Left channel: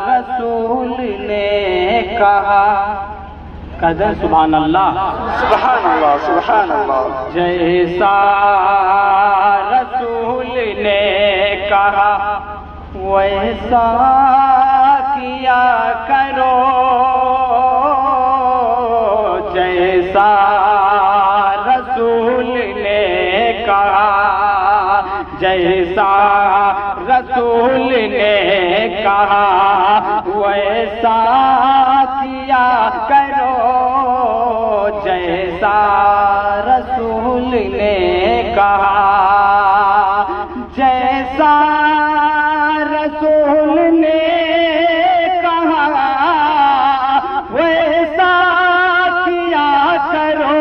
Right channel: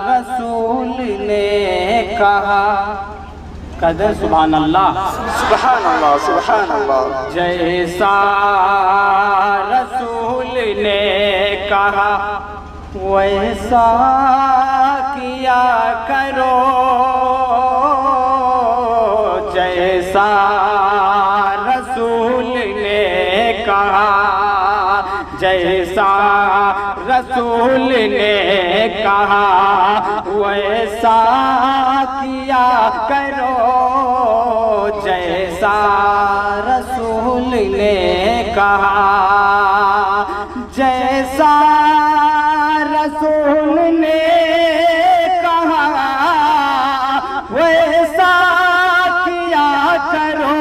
رسول نے کہا قدر سبحان اللہ سبحان اللہ سبحان اللہ جیسا رسول نے کہا ویسا کیا کرو جیسا رسول نے کہا جیسا رسول نے کہا ویسا کیا کرو جیسا رسول نے کہا جیسا رسول نے کہا ویسا کیا کرو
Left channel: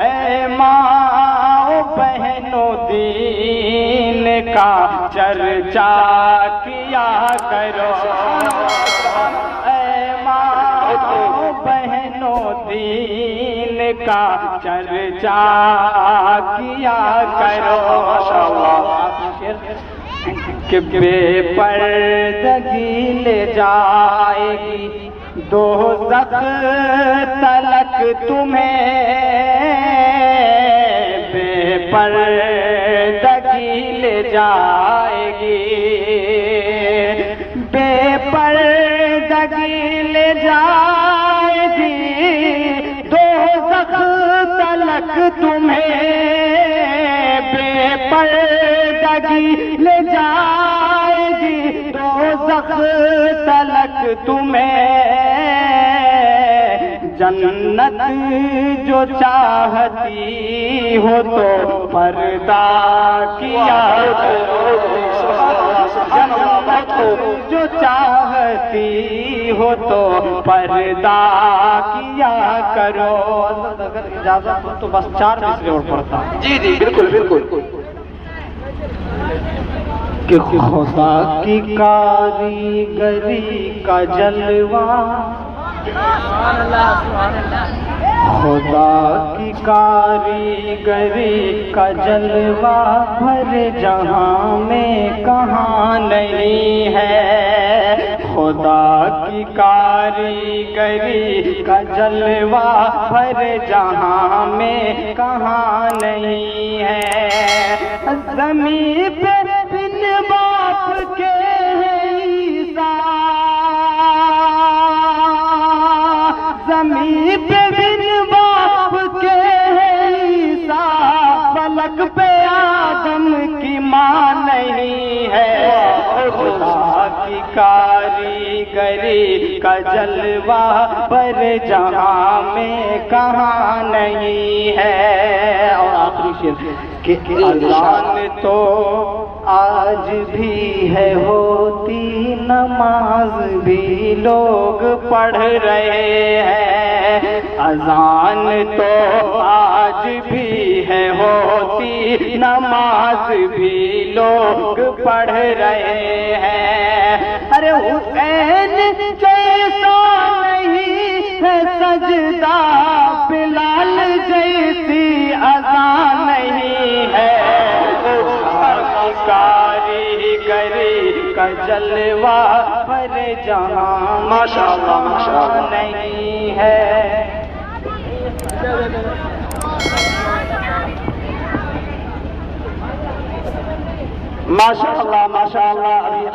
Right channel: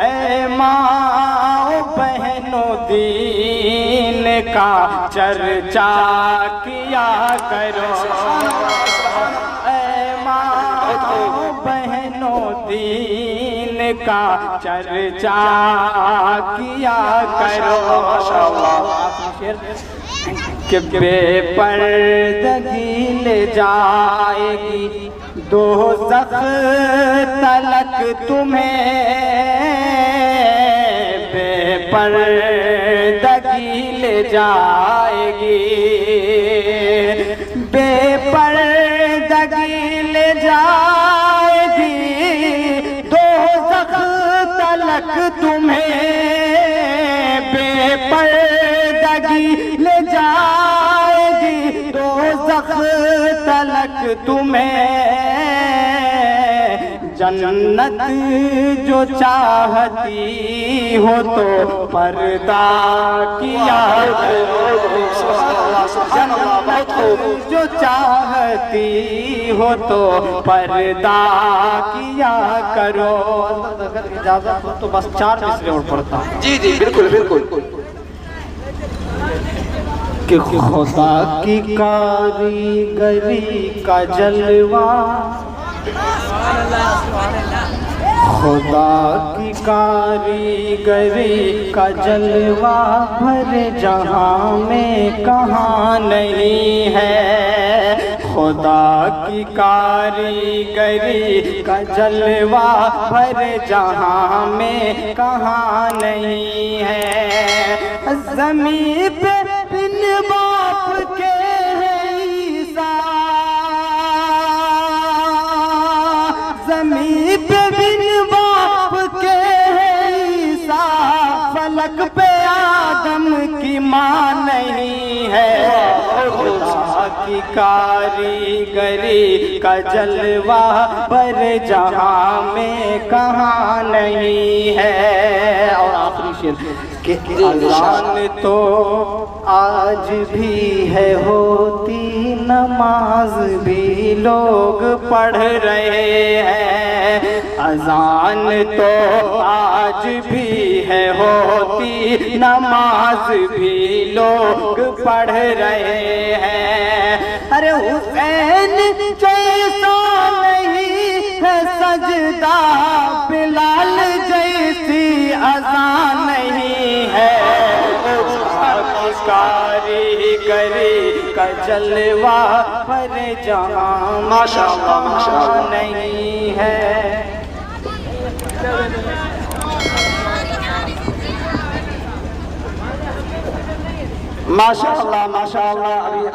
اے ماں بہنوں دین کا چرچا کیا کرو اے ماں بہنوں دین کا چرچا کیا کرو کہ بے پردگی لے جائے گی دوزخ تلک تمہیں بے پردگی لے جائے گی بے پردگی لے جائے گی دوزخ تلک تمہیں بے پردگی لے جائے گی دوزخ تلک تمہیں جنت جو چاہتی ہو تو پردہ کیا جنت جو چاہتی ہو تو پردہ کیا کرو اگر اجازت ہو تو بس 4 مصرے اور پڑھتا ہے جی جی بالکل بالکل کہ خدا کی کاریگری کا جلوہ خدا کی کاریگری کا جلوہ بھر جہاں میں کہاں نہیں ہے خدا کی کاریگری کا جلوہ بھر جہاں میں کہاں نہیں ہے زمین پہ بن باپ کے زمین پہ بن باپ کے عیسیٰ فلک پہ آدم کی ماں نہیں ہے خدا کی کاریگری کا جلوہ بر جہاں میں کہاں نہیں ہے اور آخری شعر کہ اذان تو آج بھی ہے ہوتی نماز بھی لوگ پڑھ رہے ہیں اذان تو آج بھی ہے ہوتی نماز بھی لوگ پڑھ رہے ہیں ارے حسین جیسا نہیں ہے سجدہ بلال جیسی اذان نہیں ہے کاریگری کا جلوہ پر جہاں نہیں ہے ماشاءاللہ ماشاءاللہ